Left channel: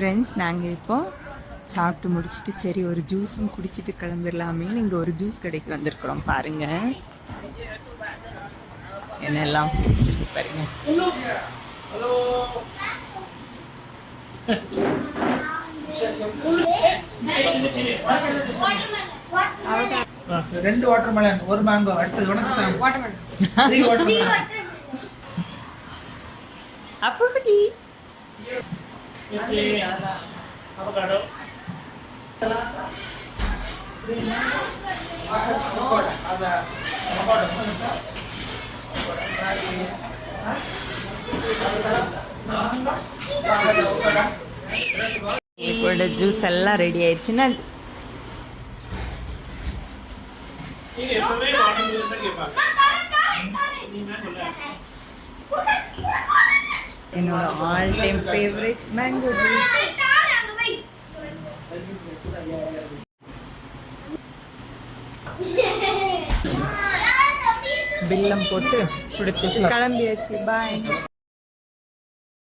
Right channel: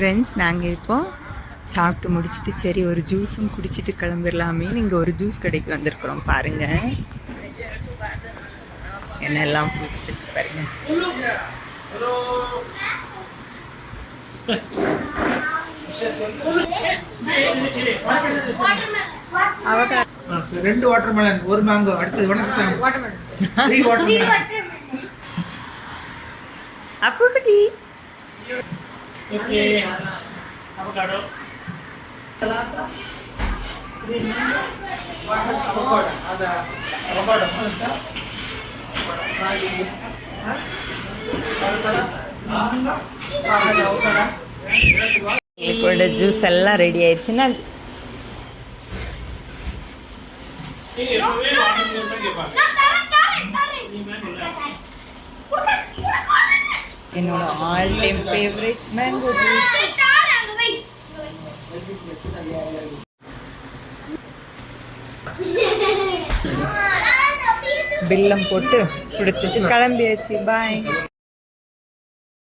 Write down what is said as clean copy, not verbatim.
Friends, நாங்கள் இப்போ சாப்பிட்டு முடிச்சுட்டு சரி ஒரு ஜூஸும் குடிச்சிட்டு கிளம்பிடலாமேன்னு இங்கே ஒரு ஜூஸ் கடைக்கு வந்திருக்கிறோம். பாருங்கள் என்னெல்லாம் ஃப்ரூட்ஸ் இருக்கு பாருங்க. ரெண்டு வாட்டர்மெலன், ஒரு மேங்கோ. அடுத்தது உனக்கு சாங் அப்போ குட்டி avocado. இப்போ ஜூஸ் எல்லாம் ரெடி ஆயிடுச்சுன்னா என்னோட all time favourite mango juice. பில்லம் போட்டு கொடுத்துட்டு கிளம்பியாச்சு. பாய்.